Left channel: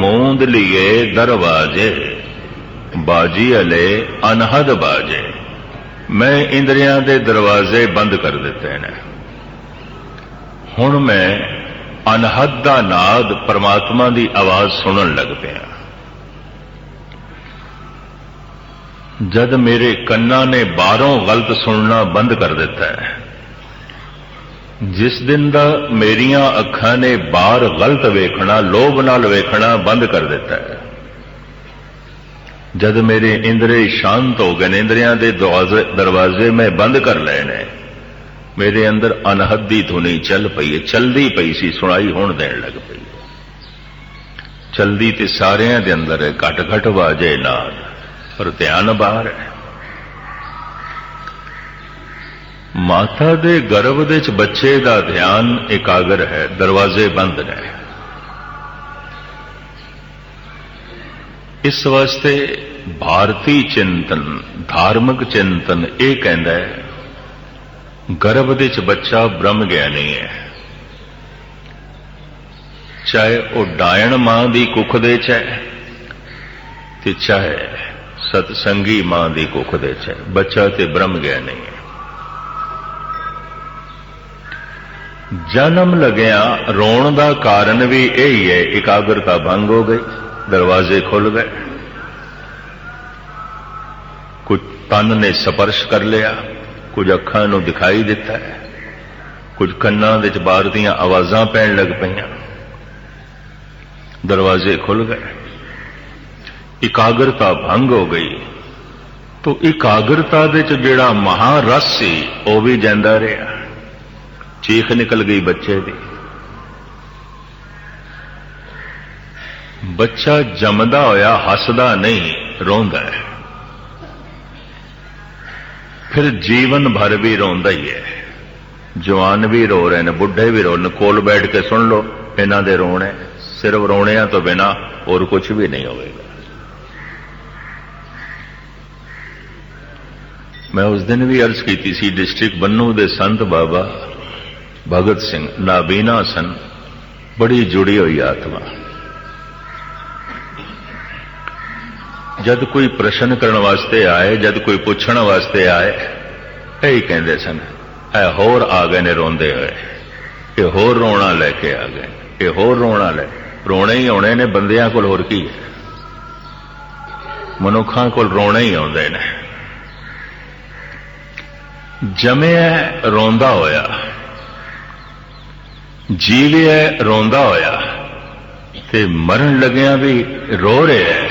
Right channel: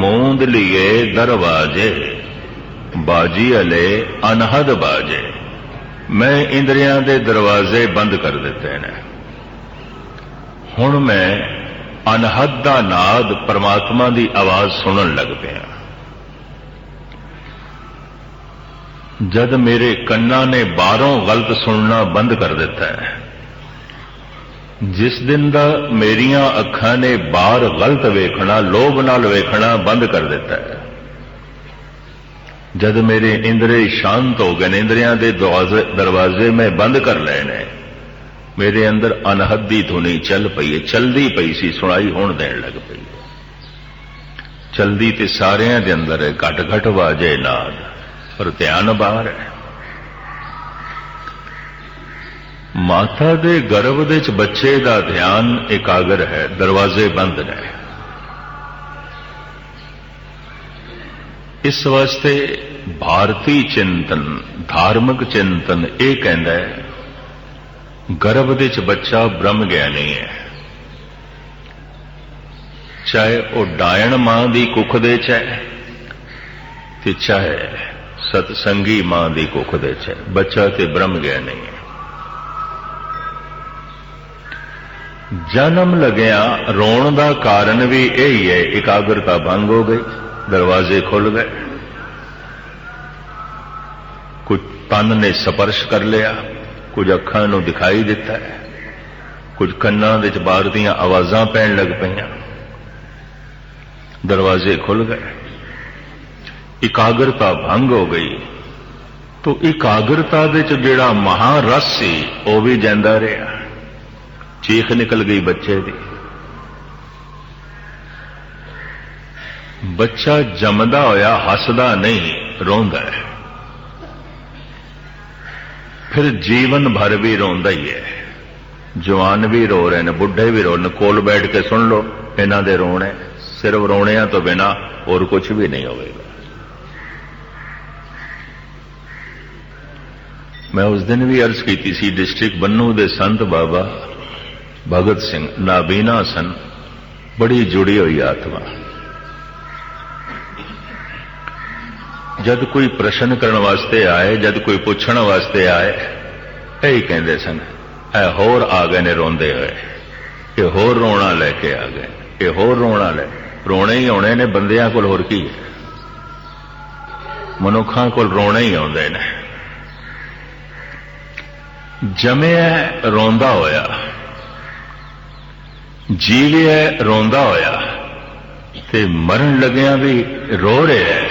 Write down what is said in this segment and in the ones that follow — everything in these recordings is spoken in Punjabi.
ਮੂੰਦ ਲਿਏ ਦਰਵਾਜੇ, ਬਾਜੀ ਅਲੇ ਅਨਹਦ ਬਾਜੇ। ਮੈਂ ਇੰਦਰੀਆਂ ਦੇ ਦਰਵਾਜ਼ੇ ਬੰਦ ਕਰ ਦਿੱਤੇ ਨੇ। ਹੁਣ ਮੈਂ ਅਨਹਦ ਦਾ ਨਾਦ ਪਰਮਾਤਮਾ ਦੀ ਆਵਾਜ਼ ਸੁਣਨ ਲੱਗ ਪਿਆ। ਜਦ ਮੇਰੇ ਕੰਨਾਂ ਨੇ ਬਾਹਰੋਂ ਗਲਤ ਸੁਣਨਾ ਬੰਦ ਕਰ ਦਿੱਤਾ ਹੈ ਜਿਸ ਦਿਨ ਦਾ ਮੇਰੀਆਂ ਅੱਖਾਂ ਨੇ ਬਾਹਰ ਗਲਤ ਵੇਖਣਾ, ਲੋਭ ਨਾਲ ਵੇਖਣਾ ਬੰਦ ਕਰ ਦਿੱਤਾ ਹੈ। ਜਦ ਮੇਰੇ ਇੰਦਰੇ ਸ਼ਾਂਤ ਹੋ ਗਏ ਨੇ, ਇੰਦਰੀਆਂ ਦੇ ਦਰਵਾਜ਼ੇ ਦਰਵਾਜ਼ੇ ਮੈਂ ਬੰਦ ਕਰ ਲਏ ਨੇ, ਮੇਰੇ ਅੰਦਰ ਅਨਹੱਦੀ ਧੁਨੀ ਚੱਲ ਪਈ ਹੈ, ਚਲਦੀ ਪਈ ਸੀ, ਸੁਣਾਈ ਹੁਣ ਦੇਣ ਲੱਗ ਪਈ ਚਲਦੀ ਤੇ ਸਾਰਿਆਂ ਦੇ ਅੰਦਰ ਹੈ ਘਟ ਘਟ ਵਾਜੇ ਨਾਲ ਪਰ ਧਿਆਨ ਬਾਹਰ ਹੈ। ਮਾਤਾ ਦੇ ਗਰਭ ਦੇ ਵਿੱਚ ਬੱਚੇ ਦਾ ਧਿਆਨ ਇਕਾਗਰ ਹੈ, ਦਰਵਾਜ਼ੇ ਬੰਦ ਨੇ। ਇਸ ਵਾਸਤੇ ਭਾਰਤੀ ਚਿੰਤਨ, ਧਾਰਮਿਕ ਚਿੰਤਨ ਇਹ ਕਹਿੰਦਾ ਹੈ, ਗਰਭ ਦੇ ਵਿੱਚ ਬੱਚਾ ਬ੍ਰਹਮ ਗਿਆਨੀ ਹੈ। ਚਾਹੇ ਉਹ ਡਾਇਣ ਮਾਂ ਦੀ ਕੁੱਖ ਦੇ ਚ ਹੈ ਤੇ ਚਾਹੇ ਸਤਸੰਗੀ ਮਾਂ ਦੀ ਕੁੱਖ ਦੇ ਚ ਹੈ, ਬੱਚਾ ਤੇ ਬ੍ਰਹਮ ਗਿਆਨੀ ਹੈ। ਜਨਮ ਲਗਿਆ ਰੋਣ ਦਾ ਕਾਰਨ ਵੀ ਇਹ ਹੀ ਹੈ, ਇਕਾਗਰਤਾ ਭੰਗ ਹੋ ਗਈ, ਦਰਵਾਜ਼ੇ ਖੁੱਲ ਗਏ। ਕੁਝ ਤਨ ਨੇ ਸਪਰਸ਼ ਕਰ ਲਿਆ, ਕੁਝ ਅੱਖਾਂ ਨੂੰ ਦਿਖਾਈ ਦਿੱਤਾ, ਕੁਝ ਕੰਨਾਂ ਵਿੱਚ ਬਾਹਰ ਦੀਆਂ ਆਵਾਜ਼ਾਂ ਪੈਣ ਲੱਗ ਪਈਆਂ। ਦਰਵਾਜ਼ੇ ਖੁੱਲ ਗਏ। ਇਕਾਗਰਤਾ ਭੰਗ ਹੋ ਗਈ। ਤੋ ਇਕਾਗਰਤਾ ਵਿੱਚ ਜਿਹੜਾ ਮਹਾਰਸ ਸੀ, ਉਹ ਵੀ ਜਾਂਦਾ ਰਿਹਾ। ਚੀਖ ਨਿਕਲ ਗਈ ਬੱਚੇ ਦੀ। ਬੱਚਾ ਜੰਮਦਾ ਹੋਇਆ, ਹੱਸਦਾ ਨਹੀਂ, ਰੋਂਦਾ ਹੈ। ਫਿਰ ਜੀਵਨ ਭਰ ਵੀ ਰੋਂਦਾ ਹੀ ਹੈ। ਜਵਾਨ ਵੀ ਰੋ ਰਹੇ ਨੇ, ਬੁੱਢੇ ਵੀ ਰੋ ਨੇ, ਕੋਲ ਬੈਠ ਕੇ ਸੁਣ ਲਓ, ਇਹਨਾਂ ਦੇ ਰੋਣੇ, ਸਿਰਫ ਰੋਣਿਆਂ ਤੋਂ ਬਿਨਾ ਹੋਰ ਕੁਝ ਵੀ ਨਹੀਂ ਹੋਵੇਗਾ। ਮੈਂ ਉਸ ਦਿਨ ਵੀ ਅਰਜ਼ ਕੀਤੀ ਸੀ, ਡਿਸਟ੍ਰਿਕਟ ਬੰਨੂ ਦੇ ਸੰਤ ਬਾਬਾ ਭਗਤ ਸਿੰਘ ਨਾਬੀਨਾ ਸਨ। ਬੜੀ ਜੁੜੀ ਹੋਈ ਆਤਮਾ। ਜਦ ਕੋਈ ਪ੍ਰਸ਼ਨ ਕਰਨ ਵਾਸਤੇ ਆਏ, ਜਦ ਕੋਈ ਪੁੱਛਣ ਵਾਸਤੇ ਆਏ, ਇਹ ਕਹਿੰਦੇ ਸਨ ਇਹ ਹੋਰ ਆ ਗਏ ਨੇ ਰੋਂਦੇ ਹੋਏ। ਇਹ ਹੋਰ ਰੋਣਾ ਲੈ ਕੇ ਆ ਗਏ। ਇਹ ਹੋਰ ਰੋਣਾ ਲੈ ਰੋਣੇ ਹੀ ਆਉਣੇ ਨੇ, ਬੰਦਿਆਂ ਕੋਲ ਹੋਰ ਕੀ? ਮਨੁੱਖਾਂ ਕੋਲ ਰੋਣੇ ਹੀ ਆਉਂਦੇ ਨੇ। ਜਮੇ ਰੋਂਦਾ ਹੋਇਆ। ਜੀਵਿਆ ਰੋਂਦਾ ਹੋਇਆ। ਤੇ ਮਰਨ ਲੱਗਿਆਂ ਵੀ ਰੋ ਰਿਹਾ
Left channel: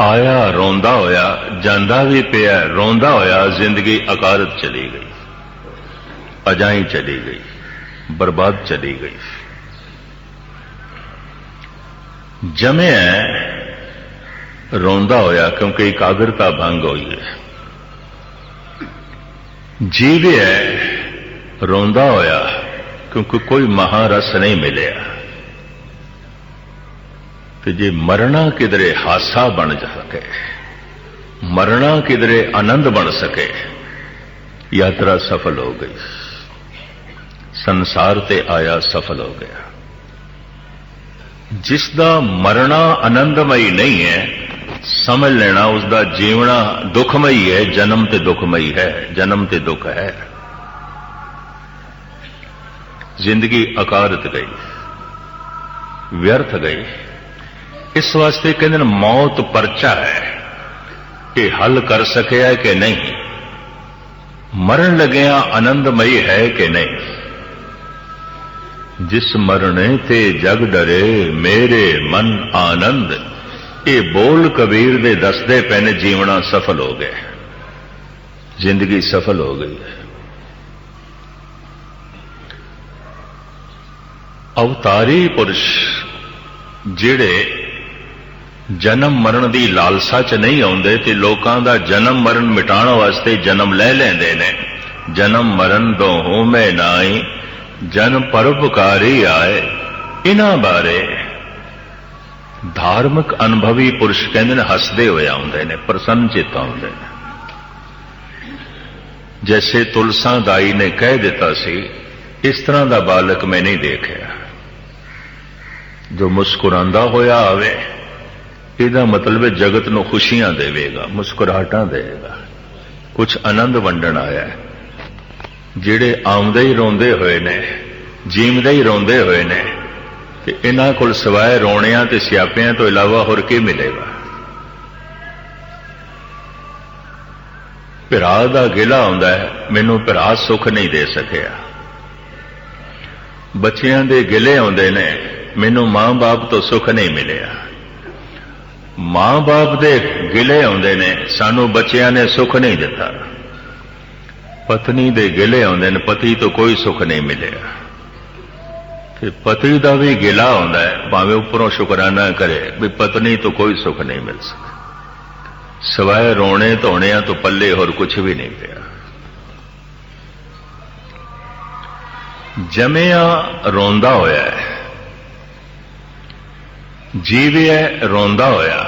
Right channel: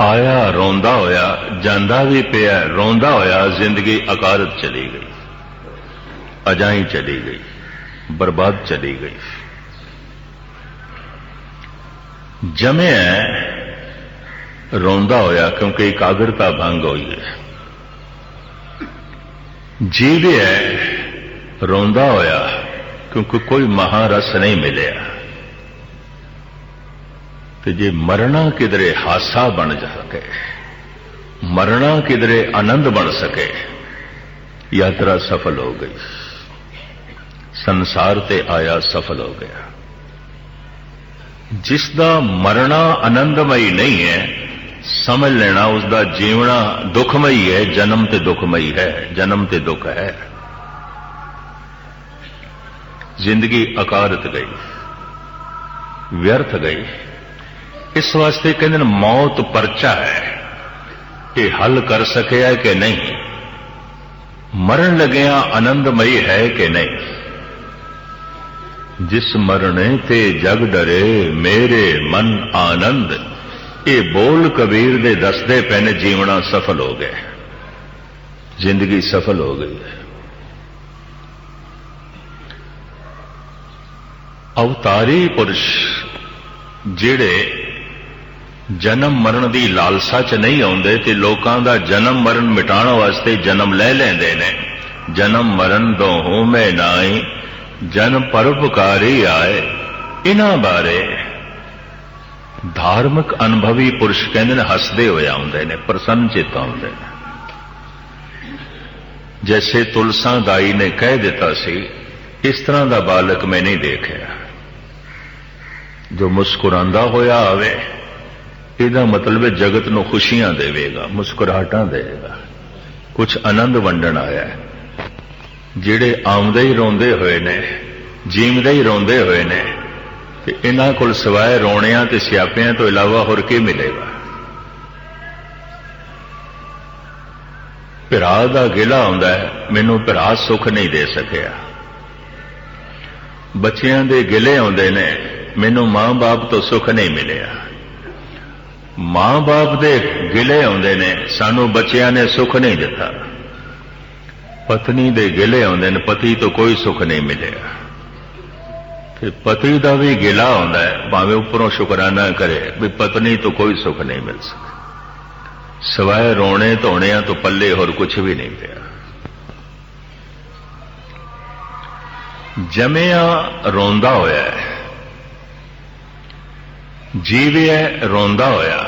ਆਇਆ ਰੋਂਦਾ ਹੋਇਆ, ਜਾਂਦਾ ਵੀ ਪਿਆ, ਰੋਂਦਾ ਹੋਇਆ, ਜ਼ਿੰਦਗੀ ਅਕਾਰਤ ਚਲੀ ਗਈ। ਅਜਾਈ ਚਲੀ ਗਈ, ਬਰਬਾਦ ਚਲੀ ਗਈ। ਜਮਿਆ ਰੋਂਦਾ ਹੋਇਆ, ਕਿਉਂਕਿ ਇਕਾਗਰਤਾ ਭੰਗ ਹੋਈ ਹੈ। ਜੀਵਿਆ ਰੋਂਦਾ ਹੋਇਆ ਕਿਉਂਕਿ ਕੋਈ ਮਹਾਰਸ ਨਹੀਂ ਮਿਲਿਆ। ਤੇ ਜੇ ਮਰਨਾ ਕਿਧਰੇ ਹਾਸਾ ਬਣ ਜਾ ਸਕੇ ਮਰਨਾ ਕਿਧਰੇ ਆਨੰਦ ਬਣ ਸਕੇ, ਯਾਤਰਾ ਸਫਲ ਹੋ ਗਈ। ਸੰਸਾਰ ਤੇ ਆਇਆ ਸਫਲ ਹੋ ਗਿਆ। ਜਿਸ ਦਾ ਮਰਨਾ ਆਨੰਦਮਈ ਨਹੀਂ ਹੈ, ਸਮਝ ਲੈਣਾ ਉਸ ਦਾ ਜੀਵਣਾ ਦੁਖਮਈ ਹੈ, ਜਨਮ ਤੇ ਦੁਖਮਈ ਹੈ, ਜਨਮ ਤੇ ਦੁੱਖ ਹੈ। ਜ਼ਿੰਦਗੀ ਅਕਾਰਤ ਗਈ, ਵਿਅਰਥ ਗਈ। ਇਸ ਵਾਸਤੇ ਕਹਿੰਦੇ ਨੇ ਮੌਤ ਪਰਚਾ ਹੈ ਕਿ ਹੱਲ ਕਰ ਸਕਿਆ ਕਿ ਨਹੀਂ। ਮਰਨ ਲੱਗਿਆ ਆਨੰਦਮਈ ਹੈ ਕਿ ਨਹੀਂ। ਜਿਸ ਮਰਨੇ ਤੇ ਜਗ ਡਰੇ, ਮੇਰੇ ਮਨ ਆਨੰਦ। ਇਹ ਬੋਲ ਕਬੀਰ ਦੇ ਦੱਸਦੇ ਪੈਨੇ ਜੀਵਣਾ ਸਫਲ ਹੋ ਗਿਆ। ਜ਼ਿੰਦਗੀ ਸਫਲ ਹੋ ਗਈ। ਅਵਤਾਰੀ ਪੁਰਸ਼, ਜਿਹੜੇ ਜਨਮ ਮਰਨ ਦੀ ਲਾਲਸਾ 'ਚ ਨਹੀਂ ਆਉਂਦੇ ਤੇ ਲੋਕਾਂ ਦਾ ਜਨਮ ਮਰਨ ਮਿਟਾਉਣ ਵਾਸਤੇ ਜਨਮ ਲੈ ਲੈਂਦੇ ਨੇ। ਜਨਮ ਮਰਨ ਤੋਂ ਹੋਮੇ ਨਾਈ ਜਨ ਪਰਉਪਕਾਰੀ ਆਏ। ਇਹਨਾਂ ਬਾਰੇ ਧਾਰਮਿਕ ਅਨੁਭਵੀ ਪੁਰਸ਼ ਕਹਿੰਦੇ ਨੇ, ਹੱਸਦੇ ਹੋਏ ਆਉਂਦੇ ਨੇ ਪ੍ਰਸੰਨ ਚਿਤ ਆਉਂਦੇ ਨੇ। ਜੈਸੇ ਤੁਲਸਾਂ ਦਾਈ ਨੇ ਕਹਿ ਦਿੱਤਾ ਸੀ, ਇਸ ਤਰ੍ਹਾਂ ਦਾ ਬਾਲਕ ਮੈਂ ਨਹੀਂ ਦੇਖਿਆ। ਜੋ ਮੁਸਕਰਾਉਂਦਾ ਹੋਇਆ ਆਵੇ, ਇਹਦਾ ਮਤਲਬ ਹੈ ਜਗਤ ਨੂੰ ਖੁਸ਼ੀਆਂ ਦੇਵੇਗਾ, ਮੁਸਕਰਾਹਟਾਂ ਦੇਵੇਗਾ। ਕੁਝ ਆਨੰਦ ਵੰਡਣ ਆਇਆ ਹੈ। ਜਿਹੜੇ ਆਉਂਦੇ ਹੀ ਰੋਂਦੇ ਹੋਏ ਨੇ ਜੀਵਦੇ ਹੀ ਰੋਂਦੇ ਹੋਏ ਨੇ, ਤੇ ਇਹਨਾਂ ਕੋਲ ਸਿਵਾਏ ਰੋਣਿਆਂ ਤੇ ਸਿਆਪਿਆਂ ਤੋਂ ਇਲਾਵਾ ਹੋਰ ਕੀ ਮਿਲੇਗਾ? ਭਰਾ ਦਾ ਗਿਲਾ ਹੁੰਦਾ ਹੈ, ਮੈਨੂੰ ਭਰਾ ਸੁੱਖ ਨਹੀਂ ਦੇ ਸਕਿਆ। ਬੱਚਿਆਂ ਦੇ ਗਿਲੇ ਆਉਂਦੇ ਨੇ ਮੈਨੂੰ ਮਾਂ-ਬਾਪ ਤੋਂ ਸੁੱਖ ਨਹੀਂ ਮਿਲਿਆ। ਮਾਂ-ਬਾਪ ਦੇ ਗਿਲੇ ਆਉਂਦੇ ਨੇ, ਸਾਨੂੰ ਬੱਚਿਆਂ ਨੇ ਸੁੱਖ ਨਹੀਂ ਦਿੱਤਾ। ਪਤਨੀ ਦੇ ਗਿਲੇ ਆਉਂਦੇ ਨੇ, ਪਤੀ ਤੋਂ ਕੋਈ ਸੁੱਖ ਨਹੀਂ ਮਿਲਿਆ। ਤੇ ਪਤੀ ਦਾ ਵੀ ਗਿਲਾ ਆਉਂਦਾ ਹੈ, ਭਾਵੇਂ ਉੱਪਰੋਂ ਸ਼ੁਕਰਾਨਾ ਕਰੇ, ਵੀ ਪਤਨੀ ਤੋਂ ਕੋਈ ਸੁੱਖ ਨਹੀਂ ਮਿਲ ਸਕਿਆ। ਸਵਾਏ ਰੋਣੇ ਧੋਣਿਆਂ ਤੋਂ ਪੱਲੇ ਹੋਰ ਕੁਝ ਵੀ ਨਹੀਂ ਪਿਆ। ਜਮਿਆ ਰੋਂਦਾ ਹੋਇਆ ਹੈ। ਜੀਵਿਆ ਰੋਂਦਾ ਹੋਇਆ।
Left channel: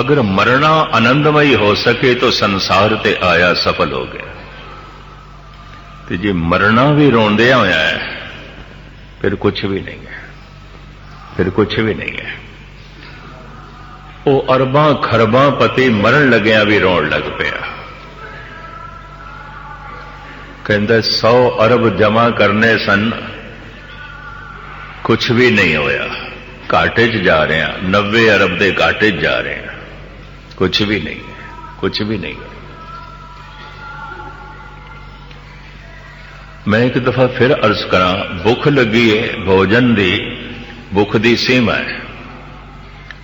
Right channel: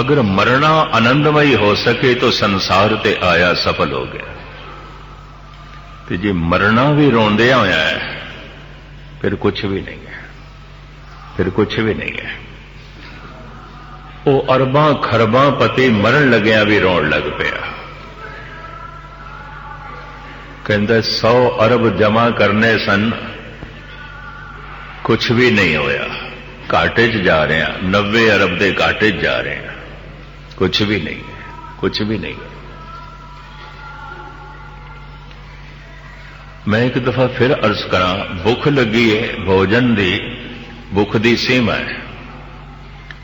ਅਗਰ ਮਰਨਾ ਆਨੰਦਮਈ ਹੋ ਸਕੇ ਤਾਂ ਸੰਸਾਰ ਤੇ ਆਇਆ ਸਫਲ ਹੋ ਗਿਆ। ਤੇ ਜੇ ਮਰਨਾ ਵੀ ਰੋਂਦਿਆ ਹੋਇਆ ਹੈ ਫਿਰ ਕੁਝ ਵੀ ਨਹੀਂ ਹੈ ਫਿਰ ਕੁਝ ਵੀ ਨਹੀਂ ਹੈ ਉਹ ਅਰਬਾਂ, ਖਰਬਾਂ ਪਤੀ ਮਰਨ ਲੱਗਿਆ ਵੀ ਰੋਣ ਲੱਗ ਪਿਆ। ਕਹਿੰਦਾ 100 ਅਰਬ ਜਮਾ ਕਰਨੇ ਸਨ ਕੁਝ ਵੀ ਨਹੀਂ ਹੋਇਆ। ਘਾਟੇ 'ਚ ਜਾ ਰਹੇ ਹਾਂ 90 ਅਰਬ ਦੇ ਘਾਟੇ 'ਚ ਜਾ ਰਹੇ ਹਾਂ। ਕੁਝ ਵੀ ਨਹੀਂ ਕੁਝ ਵੀ ਨਹੀਂ। ਮੈਂ ਇੱਕ ਦਫਾ ਫਿਰ ਅਰਜ਼ ਕਰਾਂ, ਭੁੱਖ ਲੱਗੀ ਹੈ ਭੋਜਨ ਦੀ, ਭੁੱਖ ਦੀ ਸੀਮਾ ਹੈ।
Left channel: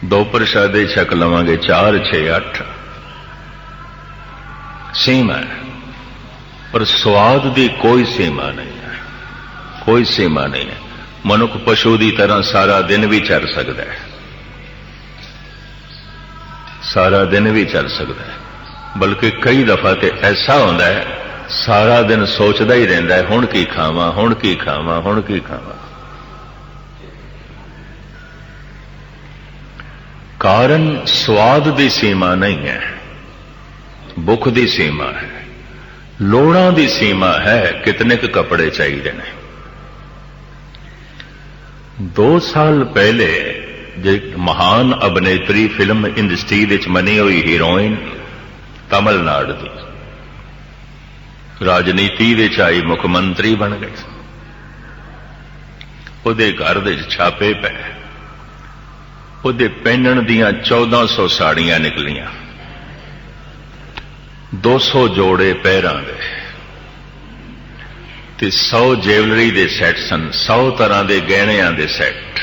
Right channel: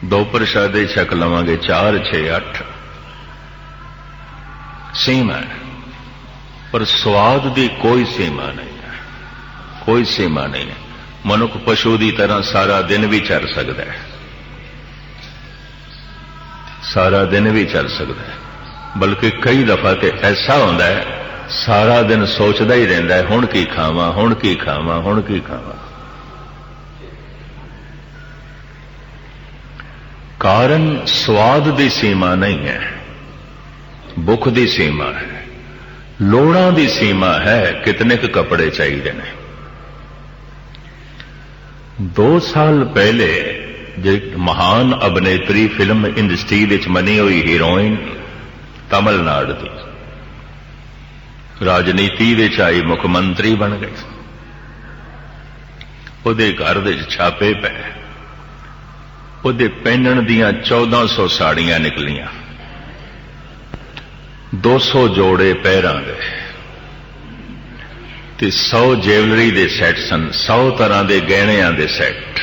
ਦੋ ਪ੍ਰਸ਼ਾਦੇ ਛਕ ਲਵਾਂਗੇ 4 6 8 ਸੀਮਾ ਹੈ, ਪਰ ਸਵਾਦ ਦੀ ਕੋਈ ਸੀਮਾ ਨਹੀਂ ਹੈ, ਕੋਈ ਸੀਮਾ ਨਹੀਂ ਹੈ। ਮਨੁੱਖ ਪਸ਼ੂ ਦੀ ਤਰ੍ਹਾਂ ਸਾਰਾ ਦਿਨ ਵੀ ਚੱਲ ਸਕਦਾ ਹੈ। ਸਾਰਾ ਦਿਨ ਵੀ ਚੱਲ ਸਕਦਾ ਹੈ। ਬਲਕਿ ਕਈ ਦਫਾ ਤੇ ਐਸਾ ਹੁੰਦਾ ਹੈ, ਸਾਰਾ ਦਿਨ ਸੋਚਦਾ ਹੀ ਰਹਿੰਦਾ ਹੈ, ਹੁਣ ਕੀ ਖਾਵਾਂ, ਹੁਣ ਕੀ ਖਾਵਾਂ, ਹੁਣ ਕੀ ਖਾਵਾਂ। ਕਾਰਨ ਸਵਾਦ ਦੀ ਸੀਮਾ ਨਹੀਂ ਹੈ, ਭੁੱਖ ਦੀ ਸੀਮਾ ਹੈ, ਲੋੜਾਂ ਦੀ ਸੀਮਾ ਹੈ, ਕਿਤਨੇ ਕੁ ਕੱਪੜੇ ਚਾਹੀਦੇ ਨੇ। ਦੋ ਸਾਲ ਪਹਿਲੇ ਜੇ ਮਹਾਨ ਅਭਿਨੇਤਰੀ ਫਿਲਮ ਇੰਡਸਟਰੀ ਵਿੱਚ ਮਨੀ ਹੋਈ ਹੀਰੋਇਨ ਤਮਿਲਨਾਡੂ ਦੀ ਰਾਜਨੀਤੀ ਵਿੱਚ ਆਈ ਮੁੱਖ ਮੰਤਰੀ ਬਣ ਗਈ ਉਹਦੇ ਘਰ ਦੇ ਛਾਪੇ ਪਏ। ਉਹਦੇ ਪਹਿਨਣ ਦੀਆਂ 1400 ਸਾੜੀਆਂ ਨਿਕਲੀਆਂ। 200 ਜੋੜੇ ਪੈਰਾਂ ਦੇ ਤੇ 100 ਜੈਵਲਰੀ ਦੇ ਸੈੱਟ ਸਨ 100 ਤਰ੍ਹਾਂ ਦੇ ਗਹਿਣਿਆਂ ਦੇ ਸੈੱਟ।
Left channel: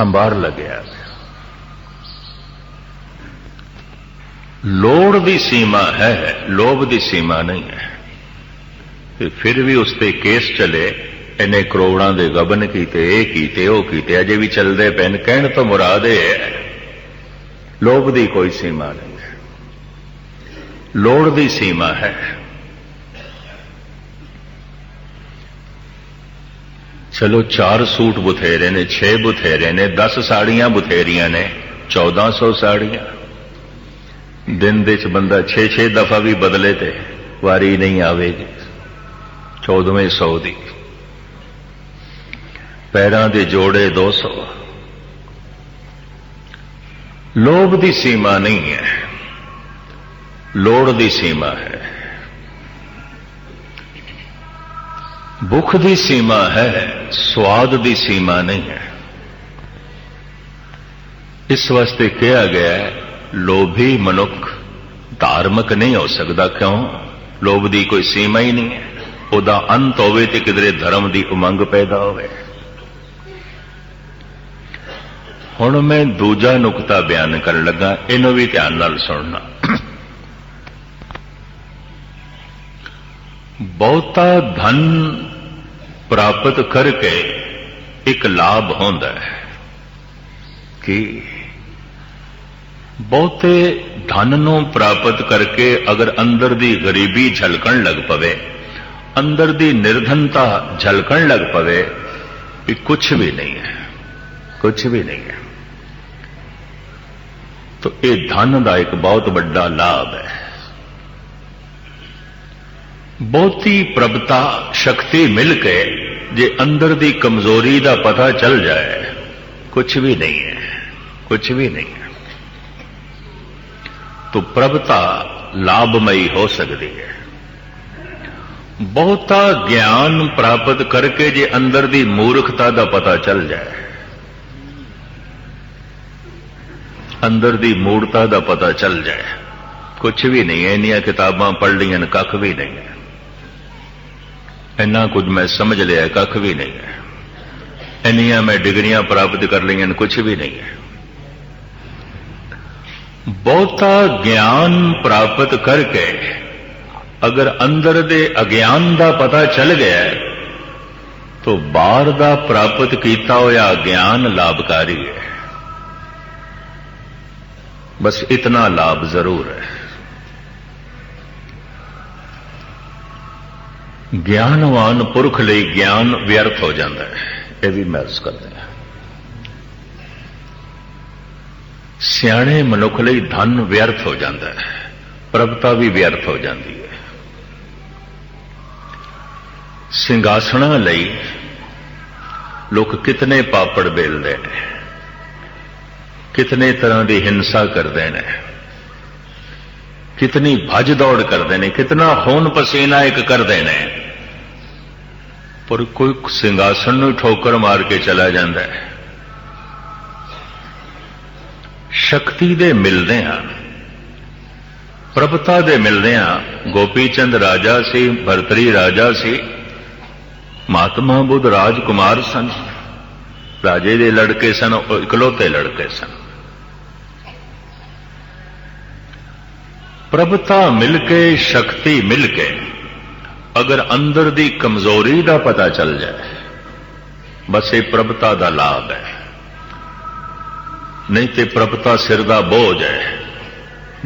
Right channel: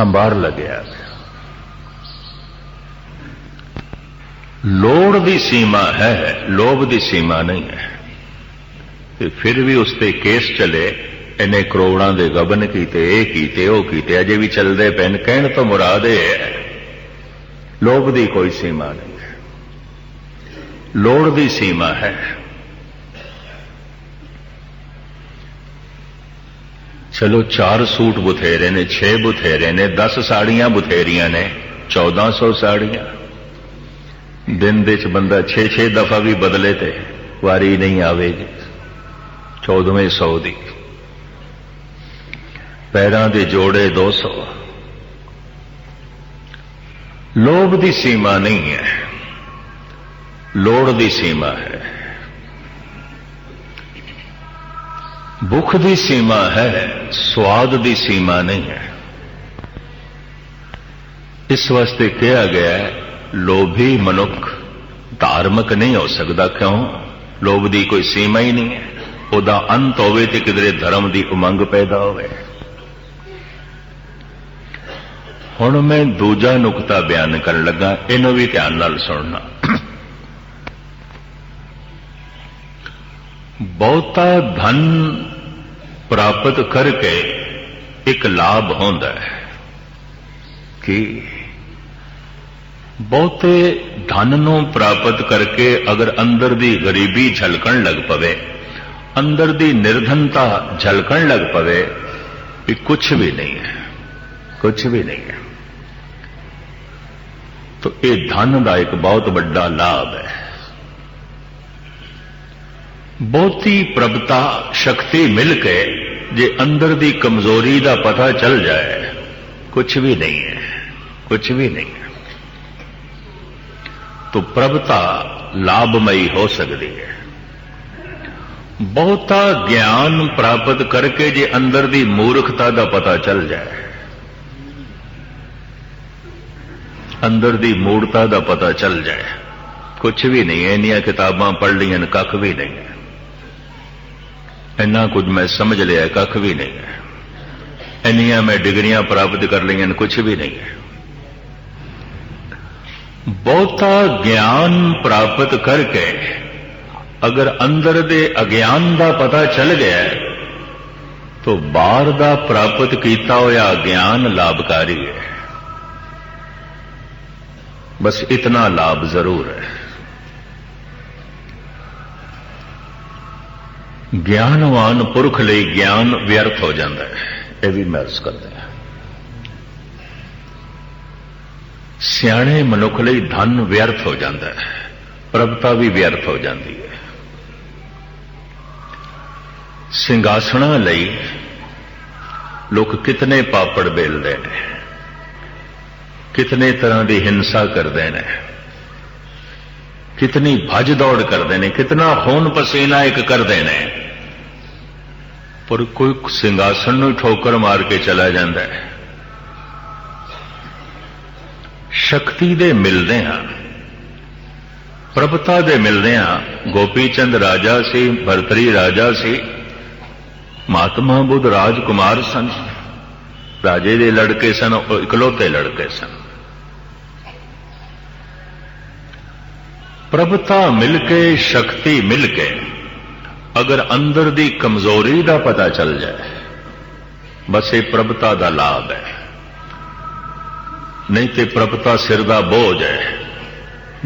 ਅੰਬਾਰ ਲੱਗਿਆ। ਲੋੜ ਦੀ ਸੀਮਾ ਹੈ ਲੋਭ ਦੀ ਸੀਮਾ ਨਹੀਂ ਹੈ। ਤੇ ਫਿਰ ਵੀ ਉਸ ਤੇ ਕੇਸ ਚਲੇ। ਇਹਨੇ ਕਰੋੜਾਂ ਦੇ ਗਬਨ ਕੀਤੇ, ਇਹ ਕੀਤੇ, ਉਹ ਕੀਤੇ, ਅਜੇ ਵੀ ਚੱਲਦੇ ਪੈਣ ਕਹਿਣ ਤੋਂ ਮੁਰਾਦ ਇਹ ਹੈ, ਲੋਭ ਦੀ ਕੋਈ ਸੀਮਾ ਨਹੀਂ ਹੈ। ਲੋੜ ਦੀ ਸੀਮਾ ਹੈ। ਚਲੋ ਚਾਰ ਸੂਟ ਬਥੇਰੇ ਨੇ 6 ਬਥੇਰੇ ਨੇ 10 ਸਾੜੀਆਂ ਬਥੇਰੀਆਂ ਨੇ 1400 ਸਾੜੀਆਂ। ਦਿਨ ਦੇ ਚ ਬੰਦਾ 6-6 ਦਫਾ ਵੀ ਬਦਲੇ ਤੇ ਵਾਰੀ ਨਹੀਂ ਆਵੇਗੀ 14ਵੇਂ ਸੌ ਦੀ। ਪੈਰਾਂ ਦੇ ਜੋੜੇ 200 ਲੋਭ ਦੀ ਸੀਮਾ ਨਹੀਂ ਹੈ। ਲੋੜ ਦੀ ਸੀਮਾ ਹੈ। ਭੁੱਖ ਦੀ ਸੀਮਾ ਹੈ, ਸਵਾਦ ਦੀ ਸੀਮਾ ਨਹੀਂ ਹੈ। ਇਸ ਵਾਸਤੇ ਕਿਹਾ ਗਿਆ ਲੋਭੀ ਮਨੁੱਖ ਧਾਰਮਿਕ ਨਹੀਂ ਹੋ ਸਕਦਾ, ਕਿਉਂ? ਲੋਭ ਦੀ ਕੋਈ ਸੀਮਾ ਹੀ ਨਹੀਂ ਉਹਦਾ ਅੰਤ ਹੋਵੇ ਤੇ ਕਿਧਰੇ ਧਰਮ ਦੀ ਉਮੰਗ ਪੈਦਾ ਹੋਵੇ। ਹੁਣ ਮੈਂ ਦੂਜਾ ਨੁਕਤਾ ਬਿਆਨ ਕਰਨ ਲੱਗਾ, ਇਹਨੂੰ ਵੀ ਧਿਆਨ ਨਾਲ ਸੁਣਨਾ। ਬਹੁਤਾ ਧਨ ਪ੍ਰਾਪਤ ਕਰਕੇ ਇੱਕ ਲਾਭ ਹੁੰਦਾ ਹੈ ਕਿ ਬਹੁਤੇ ਧਨ ਨੂੰ ਪ੍ਰਾਪਤ ਕਰਕੇ ਅਗਰ ਅੰਦਰ ਦੀ ਗਰੀਬੀ ਝਲਕਣ ਲੱਗ ਪਵੇ ਅੰਦਰ ਦੀ ਨਿਰਧਨਤਾ ਝਲਕਣ ਲੱਗ ਪਵੇ ਕਿ ਕੁਝ ਵੀ ਨਹੀਂ ਹੈ ਕੁਝ ਵੀ ਨਹੀਂ ਹੈ तो ये धन का एक बहुत बड़ा लाभ है ਬਹੁਤੀ ਪ੍ਰਭਤਾ ਸ਼ਕਤੀ ਮਿਲ ਕੇ ਜੇ ਅੰਦਰ ਦੀ ਕਮਜ਼ੋਰੀ ਦਾ ਪਤਾ ਚੱਲ ਜਾਏ ਕੁਝ ਵੀ ਨਹੀਂ ਹੈ ਕੁਝ ਵੀ ਨਹੀਂ ਹੈ तो प्रभता लाभमयी हो सकती है ਬਹੁਤਾ ਗਿਆਨ ਪ੍ਰਾਪਤ ਕਰਕੇ ਜੇ ਅੰਦਰ ਦੀ ਮੂਰਖਤਾ ਦਾ ਪਤਾ ਚੱਲ ਜਾਏ ਅੰਦਰ ਦੀ ਮੂਰਤਾ ਦਾ ਪਤਾ ਚੱਲ ਜਾਏ ਕੁਝ ਵੀ ਨਹੀਂ ਇੰਨੀਆਂ ਕਿਤਾਬਾਂ ਪੜ੍ਹ ਲਈਆਂ ਨੇ, ਕੱਖ ਵੀ ਨਹੀਂ ਹੈ ਇੰਨਾ ਕੁਝ ਮੈਂ ਸਮਝ ਲਿਆ ਕੱਖ ਵੀ ਨਹੀਂ। ਹੈ ਇੰਨੀਆਂ ਮੈਂ ਡਿਗਰੀਆਂ ਪ੍ਰਾਪਤ ਕਰ ਲਈਆਂ ਨੇ, ਕੁਝ ਵੀ ਨਹੀਂ। ਹੈ ਬਹੁਤਾ ਗਿਆਨ ਪ੍ਰਾਪਤ ਕਰਕੇ ਅਗਰ ਅੰਦਰ ਦੇ ਅਗਿਆਨ ਦਾ ਪਤਾ ਚੱਲ ਗਿਆ ਤਾਂ ਬਾਹਰ ਦਾ ਪ੍ਰਾਪਤ ਕੀਤਾ ਹੋਇਆ ਗਿਆਨ ਲਾਭਕਾਰੀ ਹੈ। ਬਸ ਇਤਨਾ ਲਾਭ ਜ਼ਰੂਰ ਹੈ। ਗਿਆਨਵਾਨ ਪੁਰਖ ਲਈ ਗਿਆਨ ਵਿਅਰਥ ਹੋ ਜਾਂਦਾ ਹੈ। ਇਹ ਵੀ ਮਹਿਸੂਸ ਕਰਦਾ ਹੈ। ਸਿਆਣੇ ਮਨੁੱਖ ਲਈ ਧਨ ਵਿਅਰਥ ਹੋ ਜਾਂਦਾ ਹੈ। ਪ੍ਰਭਤਾ ਵੀ ਵਿਅਰਥ ਹੋ ਜਾਂਦੀ ਹੈ। ਸਿੰਘਾਸਣਾ ਲਈ ਲੋਕ ਕਿਤਨੇ ਪਾਪੜ ਬੇਲਦੇ ਨੇ। ਕਿਤਨੇ ਤਰ੍ਹਾਂ ਦੀ ਹਿੰਸਾ ਕਰਦੇ ਨੇ। ਕਿਤਨੀ ਭੱਜ ਦੌੜ ਕਰਦੇ ਨੇ, ਕਿਤਨਾ ਖੂਨ ਪਸੀਨਾ ਇੱਕ ਕਰਦੇ ਨੇ। ਪਰ ਕੋਈ ਸਿੰਘਾਸਣ ਨੂੰ ਠੋਕਰ ਮਾਰ ਕੇ ਚਲਾ ਜਾਂਦਾ ਹੈ। ਸ਼ਕਤੀ ਦੇ ਮਿਲਦੇ ਹਾਂ। ਪ੍ਰਭਤਾ ਦੇ ਮਿਲਦੇ ਹਾਂ। ਗੋਪੀ ਚੰਦ ਰਾਜਾ ਸੀ, ਭਰਤਰੀ ਰਾਜਾ ਸੀ। ਮਹਾਤਮਾ ਬੁੱਧ ਰਾਜਕੁਮਾਰ ਸਨ। ਰਾਜੇ ਦੇ ਲੜਕੇ ਸਨ, ਉਹ ਇਕਲੌਤੇ ਲੜਕੇ ਸਨ। ਪ੍ਰਭਤਾ ਮਿਲ ਕੇ, ਸ਼ਕਤੀ ਮਿਲ ਕੇ। ਅਗਰ ਅੰਦਰ ਦੀ ਕਮਜ਼ੋਰੀ ਦਾ ਪਤਾ ਚੱਲ ਜਾਏ, ਬਸ ਇਹ ਪ੍ਰਭਤਾ ਦਾ ਲਾਭ ਹੈ। ਨਹੀਂ ਤੇ ਪ੍ਰਭਤਾ ਸਿਰ ਦਾ ਬੋਝ ਹੈ।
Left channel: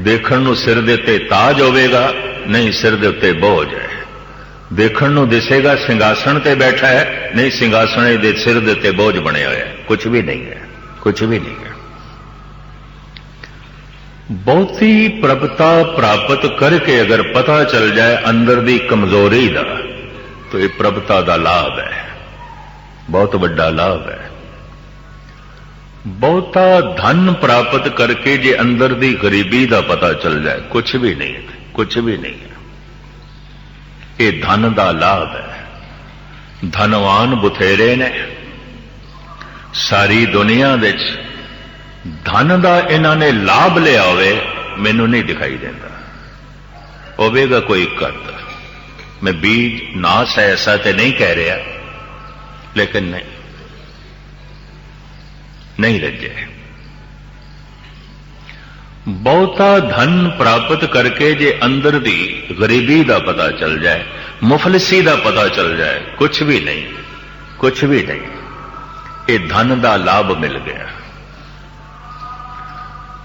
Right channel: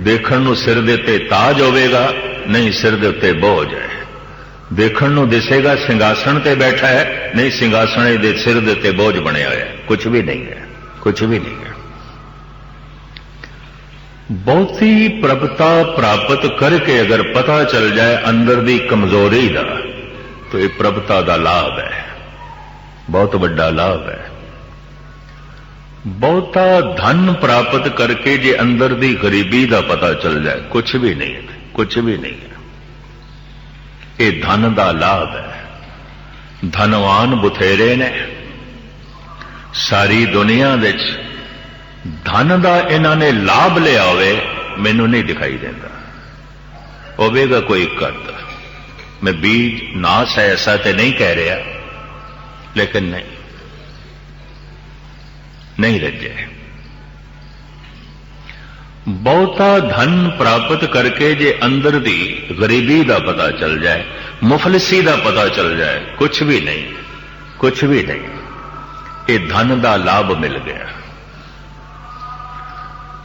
ਦੇਖਣ ਨੂੰ ਸਿਰ ਦੇ ਉੱਤੇ ਤਾਜ ਹੋਵੇਗਾ, ਨਹੀਂ ਸਿਰ ਦੇ ਉੱਤੇ ਬੋਝ ਹੈ। ਦੇਖਣ ਨੂੰ ਦਿਸੇਗਾ, ਸਿੰਘਾਸਣ ਤੇ ਬੈਠਾ ਹੈ, ਨਹੀਂ ਸਿੰਘਾਸਣ ਦੇ ਸਿਰ ਦੇ ਉੱਤੇ ਬੋਝ ਬਣਿਆ ਹੋਇਆ ਹੈ। ਕੁਝ ਵੀ ਨਹੀਂ ਹੈ ਕੁਝ ਵੀ ਨਹੀਂ ਹੈ। ਬਹੁਤੀ ਪ੍ਰਭਤਾ ਪ੍ਰਾਪਤ ਕਰਕੇ ਅਗਰ ਪਤਾ ਚੱਲ ਜਾਏ ਅੰਦਰ ਦੀ ਕਮਜ਼ੋਰੀ ਦਾ, ਤਾਂ ਇਹ ਪ੍ਰਭਤਾ ਦਾ ਲਾਭ ਹੈ। ਬਹੁਤ ਵੱਡਾ ਲਾਭ ਹੈ। ਬਹੁਤਾ ਧਨ ਪ੍ਰਾਪਤ ਕਰਕੇ ਜੇ ਅੰਦਰ ਦੀ ਗਰੀਬੀ ਦਾ ਪਤਾ ਚੱਲ ਜਾਏ ਕੁਝ ਵੀ ਨਹੀਂ ਕੁਝ ਵੀ ਨਹੀਂ। ਇਹ ਧਨ ਦਾ ਲਾਭ ਹੈ। ਧਨਵਾਨ ਬੁਥੇਰੇ ਨੇ। ਸਾਰੀ ਦੁਨੀਆ ਵਿੱਚ ਧਨ ਦਾ ਇਹਨਾਂ ਨੇ ਲਾਭ ਲਿਆ ਹੋਵੇ, ਮੈਨੂੰ ਨਹੀਂ ਦਿਖਾਈ ਦਿੰਦਾ। ਹੋਵੇਗਾ ਕੋਈ ਕਰਤਾ ਮੈਂ ਬੀਜ ਨਾਸ ਹੈ, ਐਸਾ ਤੇ ਨਹੀਂ ਕਹਿ ਰਿਹਾ, ਲੇਕਿਨ ਨਹੀਂ। ਨਹੀਂ ਰੱਜੇ ਬਹੁਤਾ ਧਨ ਪ੍ਰਾਪਤ ਕਰਕੇ ਜੇ ਅੰਦਰ ਦੀ ਗਰੀਬੀ ਦਾ ਪਤਾ ਚੱਲ ਜਾਏ, ਮੁਫਲਸੀ ਦਾ ਪਤਾ ਚੱਲ ਜਾਏ ਕੁਝ ਵੀ ਨਹੀਂ ਕੁਝ ਵੀ ਨਹੀਂ, ਇਹ ਧਨ ਦਾ ਲਾਭ ਮਿਲ ਗਿਆ।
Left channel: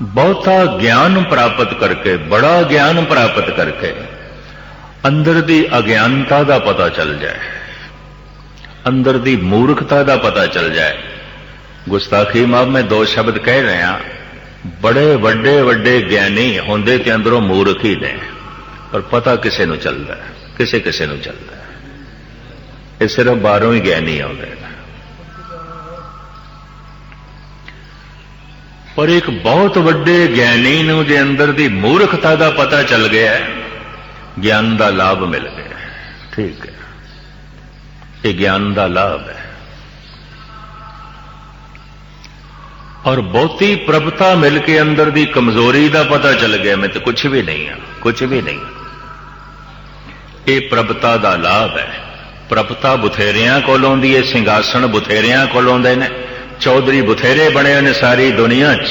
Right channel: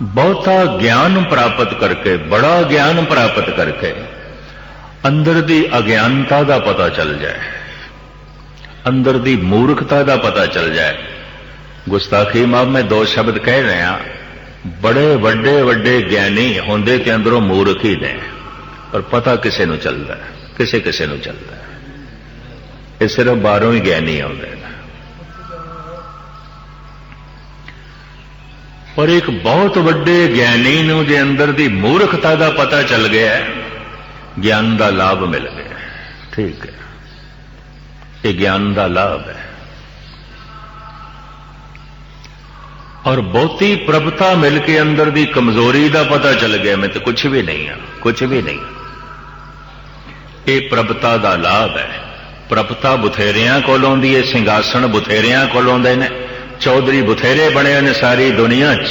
ਬਹੁਤਾ ਗਿਆਨ ਪ੍ਰਾਪਤ ਕਰਕੇ, ਬੜਾ ਗਿਆਨ ਪ੍ਰਾਪਤ ਕਰਕੇ ਅੰਦਰ ਦੀ ਅਗਿਆਨਤਾ ਦਾ ਪਤਾ ਚੱਲ ਜਾਏ। ਅੰਦਰ ਦੀ ਮੂਰਖਤਾ ਦਾ ਪਤਾ ਚੱਲ ਜਾਏ। ਗੁਸਤਾਖੀ ਮਾਫ, ਮੈਂ ਦੋ ਸ਼ਬਦ ਕਹਿ ਰਿਹਾ। ਬੜੇ ਵੱਡੇ ਵੱਡੇ ਗਿਆਨੀ ਹੁੰਦੇ ਤੇ ਅੰਦਰੋਂ ਮੂਰਖ ਹੀ ਨੇ। ਪਰ ਪਤਾ ਕਿਸੇ ਨੂੰ ਚੱਲਦਾ, ਕਿਸੇ ਕਿਸੇ ਨੂੰ ਚੱਲਦਾ। ਇਹ ਸਿਰਫ ਬਾਹਰੋਂ ਹੀ ਗਿਆਨੀ ਆਉਂਦੇ ਨੇ ਪਰ ਇੱਕ ਬਹੁਤ ਵੱਡੇ ਗਿਆਨੀ ਨੂੰ ਜੇ ਅੰਦਰ ਦੀ ਮੂਰਖਤਾ ਦਾ ਪਤਾ ਚੱਲ ਗਿਆ, ਗਿਆਨ ਦਾ ਲਾਭ ਮਿਲ ਗਿਆ। ਠੀਕ ਹੈ। ਇਹ ਗਿਆਨ ਦਾ ਲਾਭ ਹੈ। ਔਰ ਬਹੁਤੀ ਪ੍ਰਭਤਾ ਮਿਲ ਕੇ ਅੰਦਰ ਦੀ ਕਮਜ਼ੋਰੀ ਦਾ ਪਤਾ ਚੱਲ ਗਿਆ, ਮੈਂ ਤਾਂ ਕੁਝ ਵੀ ਨਹੀਂ ਹਾਂ ਕੁਝ ਵੀ ਨਹੀਂ। ਇਹ ਪ੍ਰਭਤਾ ਦਾ ਲਾਭ ਹੈ। ਪ੍ਰਭਤਾ ਬੁਥੇਰਿਆਂ ਕੋਲੋਂ ਦੀ ਇਹ ਸਿੰਘਾਸਣ ਬੁਥੇਰਿਆਂ ਕੋਲੋਂ ਦੇ ਨੇ। ਚੌਧਰੀ ਬੁਥੇਰੇ ਬਣੇ ਨੇ ਸਾਰੀ ਦੁਨੀਆ 'ਚ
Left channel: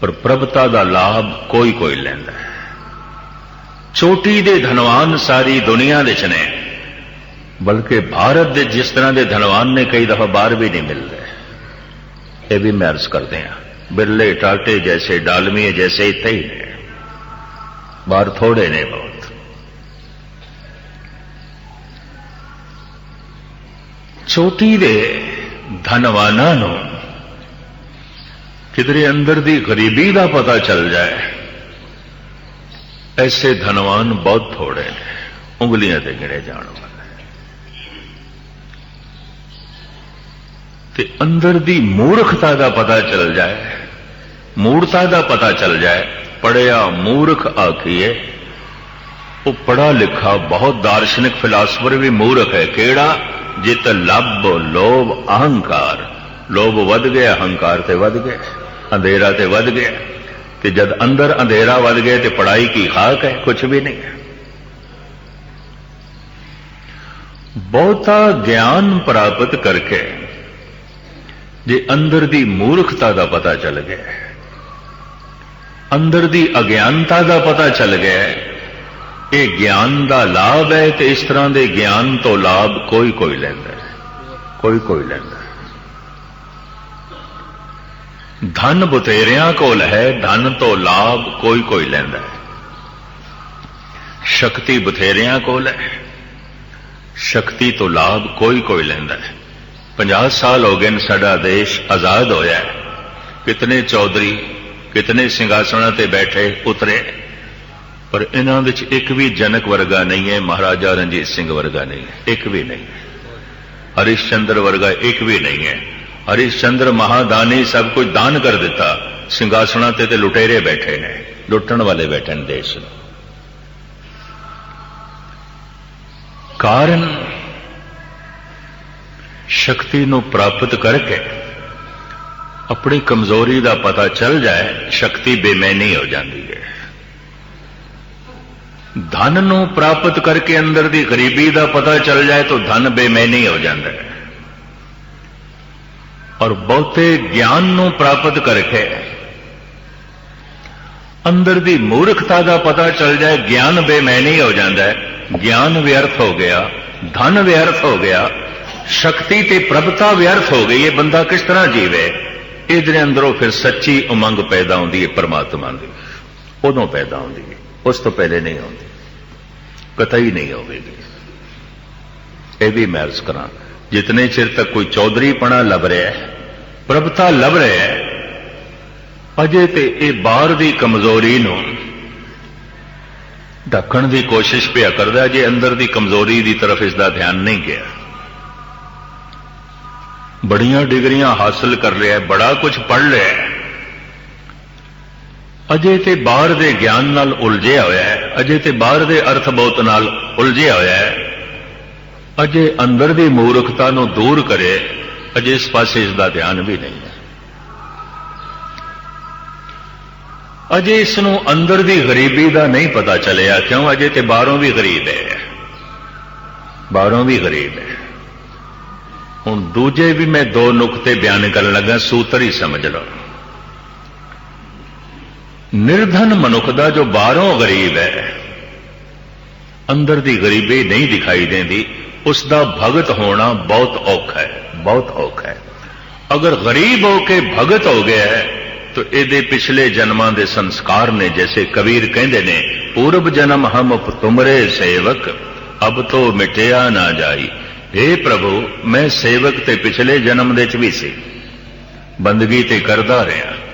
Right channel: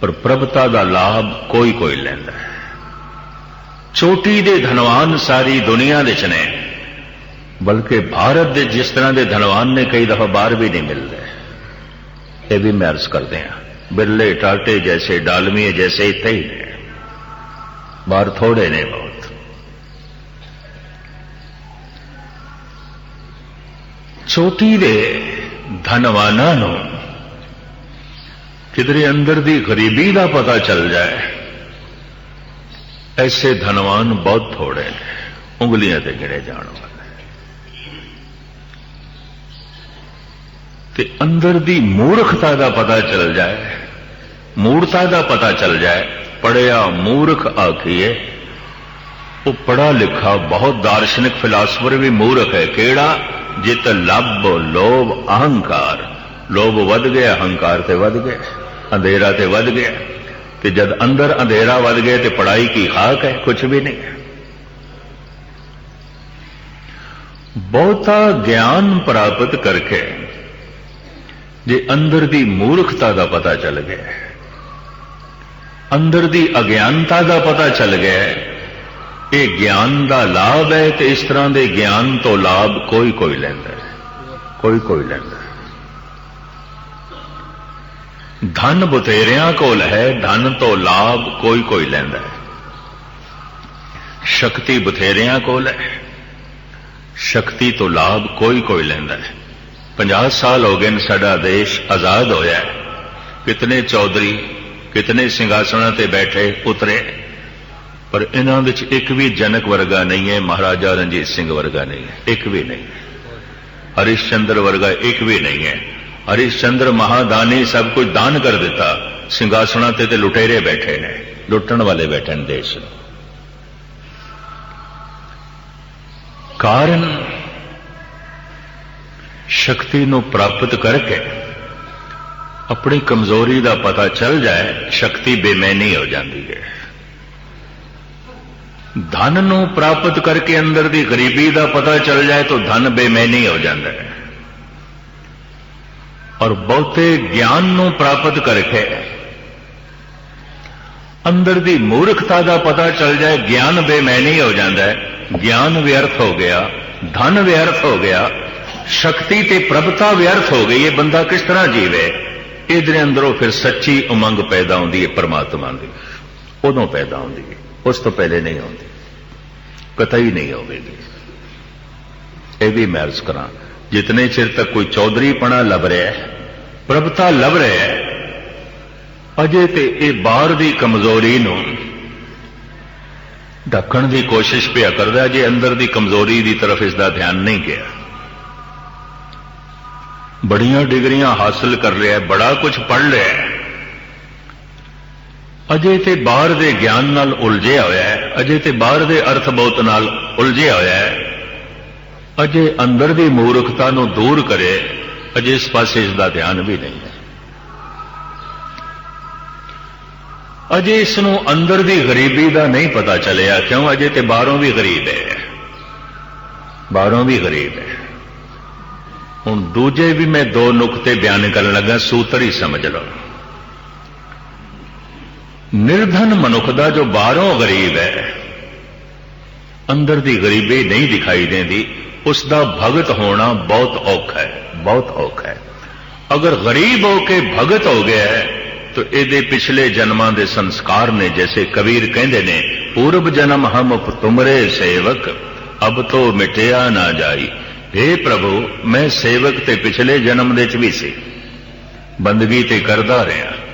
ਪਰ ਪ੍ਰਭਤਾ ਦਾ ਲਾਭ ਕੋਈ ਕੋਈ ਲੈਂਦਾ ਹੈ ਛੋਟੀ ਦੇ ਧਨਵਾਨ ਸਾਰੀ ਦੁਨੀਆ ਵਿੱਚ ਨੇ ਬਲਕਿ ਭਾਰਤ ਦੇ ਜਿਸ ਤਰ੍ਹਾਂ ਦੇ ਧਨਵਾਨ ਨੇ ਕਈ ਦਫਾ ਬਾਹਰ ਵੀ ਨਹੀਂ ਮਿਲਦੇ ਇਹ ਵੀ ਮਹਿਰਸ ਕਰਦੇ ਆ ਬਿਰਲੇ ਟਾਟੇ ਜੈਸੇ ਡਾਲਮੀਏ ਜੈਸੇ ਇੱਥੇ ਹੀ ਨੇ ਬਾਹਰ ਥੋੜੇ ਨੇ ਬਹੁਤ ਛੋਟੀ ਦੇ ਧਨਵਾਨਾਂ ਨੂੰ ਕਿਧਰੇ ਅੰਦਰ ਦੀ ਗਰੀਬੀ ਦਾ ਪਤਾ ਚੱਲ ਜਾਏ ਐਸੇ ਧਨਵਾਨ ਬਹੁਤ ਥੋੜੇ ਨੇ ਉਂਗਲੀਆਂ ਤੇ ਗਿਣੇ ਜਾਣ ਵਾਲੇ ਕਿ ਅੰਦਰ ਦੀ ਮੂਰਖਤਾ ਦਾ ਪਤਾ ਚੱਲ ਜਾਏ ਮੂਰਤਾ ਦਾ ਪਤਾ ਚੱਲ ਜਾਏ ਪੜਿਆ ਮੂਰਖ ਆਖੀਏ ਉਹ ਪੜਾ ਲਿਖਾ ਬਹੁਤ ਦਾਰਸ਼ਨਿਕ ਫਿਲਾਸਫਰ ਵੀ ਮੂਰਖ ਹੈ ਜੇ ਤਾਂ ਲੱਭ ਲੋਭ ਅਹੰਕਾਰ। ਲੋਭ ਵੱਧ ਗਿਆ, ਅਹੰਕਾਰ ਤੇ ਵੱਧ ਗਿਆ, ਅੰਧੇਰਾ ਤੇ ਵੱਧ ਗਿਆ। ਤੇ ਜਦ ਅੰਦਰ ਅੰਧੇਰਾ ਵੱਧ ਗਿਆ ਤੇ ਪੜਾਈ ਕੀ ਹਾਕ ਹੈ ਕੁਝ ਵੀ ਨਹੀਂ। ਬਹੁਤਾ ਗਿਆਨ ਪ੍ਰਾਪਤ ਕਰਕੇ ਜੇ ਅੰਦਰ ਦੀ ਮੂਰਖਤਾ ਦਾ ਪਤਾ ਚੱਲ ਗਿਆ, ਅੰਦਰ ਦੀ ਅਗਿਆਨਤਾ ਦਾ ਪਤਾ ਚੱਲ ਗਿਆ ਇਹ ਗਿਆਨ ਦਾ ਲਾਭ ਹੈ ਤੇ ਇਸ ਤਰ੍ਹਾਂ ਦੇ ਗਿਆਨ ਤੋਂ ਲਾਭ ਕੋਈ ਕੋਈ ਲੈਂਦਾ ਹੈ। ਕੋਈ ਕੋਈ ਲੈਂਦਾ ਹੈ। ਧਨ ਬਤੇਰਿਆਂ ਕੋਲ ਹੈ, ਧਨ ਤੋਂ ਲਾਭ ਕੋਈ ਕੋਈ ਲੈਂਦਾ ਹੈ। ਸ਼ਕਤੀ ਬਥੇਰਿਆਂ ਕੋਲ ਹੈ, ਸ਼ਕਤੀ ਤੋਂ ਲਾਭ ਕੋਈ ਕੋਈ ਲੈਂਦਾ ਹੈ। 50 ਸਾਲ ਹੋ ਗਏ ਨੇ ਸਾਡਾ ਦੇਸ਼ ਆਜ਼ਾਦ ਹੋਇਆ ਹੈ। ਕਿਤਨੇ ਚੌਧਰੀ, ਕਿਤਨੇ ਸਿੰਘਾਸਣਾਂ ਤੇ ਬੈਠੇ, ਉਤਰੇ। ਪਰ ਇਹਨਾਂ ਵਿੱਚ ਇੱਕ ਵੀ ਜਨਕ ਵਰਗਾ ਨਹੀਂ ਹੈ, ਮਹਾਰਾਜਾ ਰਣਜੀਤ ਸਿੰਘ ਵਰਗਾ ਨਹੀਂ ਹੈ, ਇੱਕ ਵੀ ਨਹੀਂ। ਹਰਿਸ਼ਚੰਦਰ ਵਰਗਾ ਇੱਕ ਵੀ ਨਹੀਂ ਹੈ। ਹਰਿਸ਼ਚੰਦਰ ਮਹਾਦਾਨੀ ਸਭ ਕੁਝ ਦਾਨ ਕਰ ਦਿੱਤਾ। ਸਿੰਘਾਸਣਾਂ ਤੇ ਤੇ ਲੁਟੇਰੇ ਬੈਠੇ ਨੇ, ਲੁੱਟਣ ਵਾਲੇ ਬੈਠੇ ਨੇ ਦੇਸ਼ ਨੂੰ। ਕਾਰਨ? ਸ਼ਕਤੀ ਨੂੰ ਪ੍ਰਾਪਤ ਕਰਕੇ ਆਪਣੀ ਕਮਜ਼ੋਰੀ ਦਾ ਪਤਾ ਚੱਲ ਜਾਏ, ਸ਼ਕਤੀ ਬੇਮੈਨੀ ਹੋ ਜਾਂਦੀ ਹੈ। ਧਨ ਨੂੰ ਪ੍ਰਾਪਤ ਕਰਕੇ ਅੰਦਰ ਦੀ ਗਰੀਬੀ ਦਾ ਪਤਾ ਚੱਲ ਜਾਏ ਤਾਂ ਧਨ ਬੇਮੈਨੀ ਹੋ ਜਾਂਦਾ ਹੈ। ਔਰ ਬਹੁਤੇ ਗਿਆਨ ਨੂੰ ਪ੍ਰਾਪਤ ਕਰਕੇ ਅੰਦਰ ਦੀ ਮੂਰਖਤਾ ਦਾ ਪਤਾ ਚੱਲ ਜਾਏ, ਗਿਆਨ ਬੇਮੈਨੀ ਹੋ ਜਾਂਦਾ ਹੈ। ਗਿਆਨ ਵਿਅਰਥ ਹੋ ਗਿਆ, ਧਨ ਵਿਅਰਥ ਹੋ ਗਿਆ, ਸ਼ਕਤੀ ਤੇ ਪ੍ਰਭਤਾ ਵਿਅਰਥ ਹੋ ਗਈ, ਇਹ ਬੰਦਾ ਕਿਸ ਤਰ੍ਹਾਂ ਜੀਵੇ? ਇਹਦੇ ਅੰਦਰੋਂ ਫਿਰ ਸੱਚੀ ਉਮੰਗ ਪੈਦਾ ਹੁੰਦੀ ਹੈ, ਪਰਮਾਤਮਾ ਦੀ ਉਦੋਂ ਪੈਦਾ ਹੁੰਦੀ ਹੈ। ਉਸ ਤੋਂ ਪਹਿਲੇ ਨਹੀਂ ਆਉਂਦੇ। ਕਤਈ ਨਹੀਂ ਆਵੇਗੀ ਇਹ ਵੀ ਮੈਂ ਅਰਜ਼ ਕਰਾਂ, ਜਿਤਨੇ ਚਿਰ ਤੱਕ ਕੋਈ ਚੌਧਰੀ ਪਣਾ ਲੱਭ ਰਿਹਾ ਹੈ, ਪ੍ਰਭਤਾ ਲੱਭ ਰਿਹਾ ਹੈ, ਅਜੇ ਤੇ ਇਹ ਬਾਹਰ ਦੀ ਕਮਜ਼ੋਰੀ ਨੂੰ ਢੱਕਣ ਦੀ ਕੋਸ਼ਿਸ਼ ਪਿਆ ਕਰਦਾ ਜੇ ਅੰਦਰ ਦੀ ਕਮਜ਼ੋਰੀ ਦੀ ਤਰਫ ਇਸ ਦਾ ਧਿਆਨ ਨਹੀਂ ਗਿਆ। ਬੜੀਆਂ ਡਿਗਰੀਆਂ ਹਾਸਲ ਕਰ ਲਿਆ, ਬੜਾ ਕੁਝ ਪੜ ਲਿਆ। ਅਜੇ ਤੇ ਬਾਹਰ ਦੇ ਗਿਆਨ ਨਾਲ ਉਲਝਿਆ ਹੋਇਆ ਹੈ। ਅਜੇ ਤੇ ਬਾਹਰ ਦੇ ਅਰਥ ਬਹੁਤ ਨਾਲ ਉਲਝਿਆ ਹੋਇਆ ਹੈ। ਅਜੇ ਅੰਦਰ ਦੀ ਮੂਰਖਤਾ ਨੂੰ ਦੂਰ ਕਰੇ, ਅਜੇ ਇਸ ਪਾਸੇ ਇਸ ਦਾ ਧਿਆਨ ਵੀ ਨਹੀਂ ਹੈ। ਅਜੇ ਇਸ ਨੂੰ ਅੰਦਰ ਦੀ ਗਰੀਬੀ ਦਾ ਨਹੀਂ ਪਤਾ ਚੱਲਿਆ, ਕਿਉਂ? ਅਜੇ ਤੇ ਬਾਹਰੋਂ ਵੀ ਗਰੀਬ ਹੈ। ਬਾਹਰੋਂ ਵੀ ਗਰੀਬ ਹੈ। ਹੁਣ ਦੂਜੇ ਵੀ ਮੈਂ ਦੋ ਨੁਕਤੇ ਬਿਆਨ ਕਰਨ ਲੱਗਾ, ਸੂਤਰ ਹੀ ਸਮਝ ਲਓ। ਨਿਰਧਨ ਮਨੁੱਖ ਦਾ ਜੋ ਬਾਹਰੋਂ ਗਰੀਬ ਹੈ, ਅੰਦਰ ਦੀ ਗਰੀਬੀ ਨਹੀਂ ਦਿਖਾਈ ਦਿੰਦੀ, ਉਸ ਦਾ ਭਗਤ ਹੋਣਾ ਬਹੁਤ ਔਖਾ ਹੈ, ਬਹੁਤ ਔਖਾ ਹੈ। ਅਗਰ ਗਰੀਬ ਹੋ ਕੇ ਭਗਤ ਹੋ ਗਿਆ ਹੈ ਇਹਦੇ ਪਿਛਲੇ ਜਨਮਾਂ ਦੇ ਸੰਸਕਾਰ ਨੇ, ਜੈਸੇ ਕਬੀਰ ਕਹਿੰਦੇ ਨੇ, ਪੂਰਬ ਜਨਮ ਹਮ ਤੁਮਰੇ ਸੇਵਕ, ਅਬ ਤੋ ਮਿਟਿਆ ਨਾ ਜਾਈ। हे ਪ੍ਰਭੂ, ਮੈਂ ਸੇਵਕ ਤੇ ਪਿਛਲੇ ਜਨਮ ਦੇ ਚ ਵੀ ਸੀ। ਬੰਦਗੀ ਤੇ ਕਰਦਾ ਰਿਹਾ।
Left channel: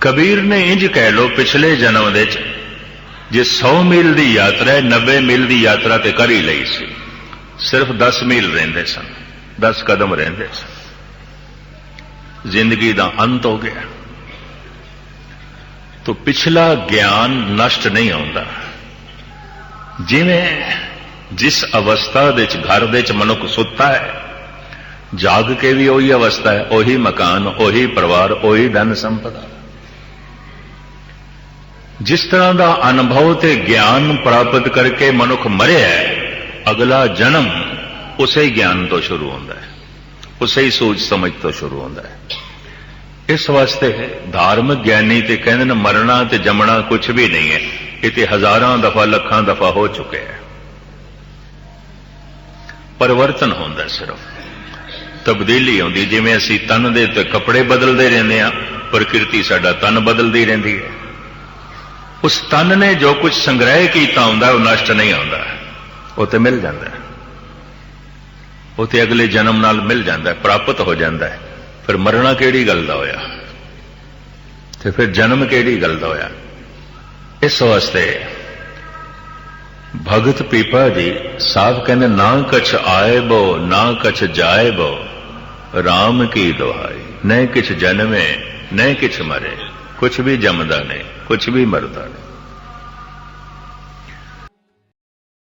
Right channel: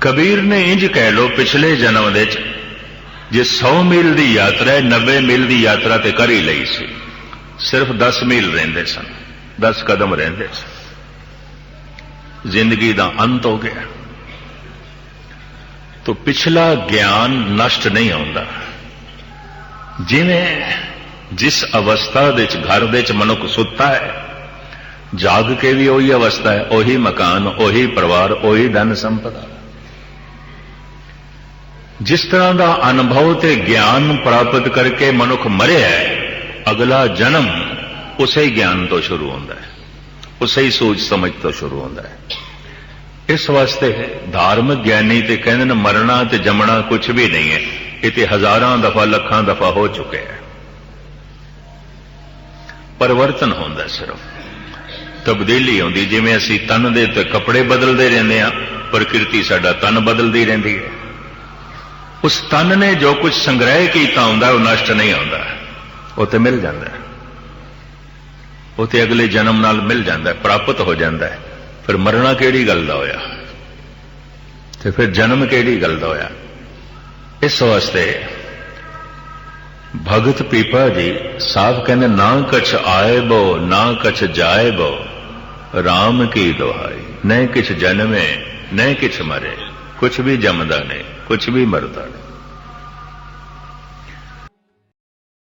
ਕਬੀਰ ਨੇ ਇੰਜ ਕਹਿ ਲੋ ਪਿਛਲੇ ਜਨਮ ਦੇ ਚ ਜੇ 100 ਮੀਲ ਦੀ ਯਾਤਰਾ ਹੈ 90 ਮੀਲ ਦੀ ਯਾਤਰਾ ਤੇ ਕਰ ਹੀ ਲਈ ਸੀ ਸਿਰਫ 10 ਮੀਲ ਰਹਿੰਦੇ ਸਨ 10 ਕਦਮ ਰਹਿੰਦੇ ਸਨ ਜ਼ਿੰਦਗੀ ਦਾ ਅੰਤ ਹੋ ਗਿਆ ਤੋ ਪਿਛਲਾ ਗਿਆਨ ਨਸ਼ਟ ਨਹੀਂ ਹੁੰਦਾ ਜਿਵੇਂ ਜਿਸ ਅਵਸਥਾ ਦੇ ਵਿੱਚ ਘਰ ਦੇ ਵਿੱਚ ਮਨੁੱਖ ਸੁੱਤਾ ਹੈ ਜਾਗ ਕੇ ਵੀ ਉਹੀ ਅਵਸਥਾ ਹੈ ਉਹੀ ਮਕਾਨ ਉਹੀ ਪਰਿਵਾਰ ਉਹੀ ਧਨ ਸੰਪਦਾ ਜਿਸ ਤਰ੍ਹਾਂ ਦਾ ਅਨੁਭਵ ਤੇ ਗਿਆਨ ਪ੍ਰਾਪਤ ਕਰਕੇ ਮਨੁੱਖ ਮਰਿਆ ਅਗਲਾ ਜਨਮ ਉਸੇ ਗਿਆਨ ਤੋਂ ਸ਼ੁਰੂ ਹੁੰਦਾ ਹੈ, ਉਸੇ ਹੀ ਸੋਚ ਸਮਝ ਤੋਂ ਸ਼ੁਰੂ ਹੁੰਦਾ ਹੈ। ਇਸ ਵਾਸਤੇ ਧਾਰਮਿਕ ਗਿਆਨੀ ਤੇ ਕਹਿੰਦੇ ਨੇ ਮਰਨਾ ਤੇ ਜੰਮਣਾ ਕੁਝ ਵੀ ਨਹੀਂ ਹੈ, ਇਹ ਤੇ ਹਜ਼ਾਰਾਂ ਦਫਾ, ਲੱਖਾਂ ਦਫਾ ਹੋ ਚੁੱਕਿਆ ਹੈ। ਪਰਿਵਰਤਨ ਹੁੰਦਾ ਸਿਰਫ। ਤਬਦੀਲੀ ਆਉਂਦੀ ਜਿਵੇਂ ਅਸੀਂ ਤਨ ਦੇ ਤੇ ਕੱਪੜੇ ਬਦਲਦੇ ਰਹਿੰਦੇ ਆ ਪ੍ਰਕਿਰਤੀ ਸਾਡਾ ਤਨ ਬਦਲਦੀ ਰਹਿੰਦੀ ਹੈ। ਉਸ ਤਨ ਨੇ ਜੋ ਕੁਝ ਸੰਗ੍ਰਹਿ ਕੀਤਾ ਹੁੰਦਾ, ਉਹ ਨਸ਼ਟ ਨਹੀਂ ਹੁੰਦਾ ਉਹ ਤੇ ਮਿਲ ਜਾਂਦਾ ਉਹ ਤੇ ਅਗਲੇ ਜਨਮ ਨਾਲ ਮਿਲ ਜਾਂਦਾ ਪ੍ਰਾਪਤ ਹੋ ਜਾਂਦਾ ਹੈ। ਫਿਰ ਮਰਨਾ ਕਿਹੜੀ ਗੱਲ ਦਾ ਹੋਇਆ? ਤੇ ਫਿਰ ਜਨਮ ਕਿਹੜੀ ਗੱਲ ਦਾ ਹੋਇਆ? ਇਸ ਵਾਸਤੇ ਭਗਤ ਪੀਪਾ ਜੀ ਸਾਹਿਬ ਕਹਿੰਦੇ ਨਾ ਕਛ ਆਏ ਬੋ ਨਾ ਕਛ ਜਾਏ ਬੋ RAM ਕੀ ਦੁਹਾਈ? ਨਹਿ ਕਿਛ ਜਨਮੇ, ਨਹੀਂ ਕਿਛ ਮਰੇ। ਕੁਛ ਵੀ ਜੰਮਦਾ ਨਹੀਂ ਕੁਛ ਵੀ ਮਰਦਾ ਨਹੀਂ।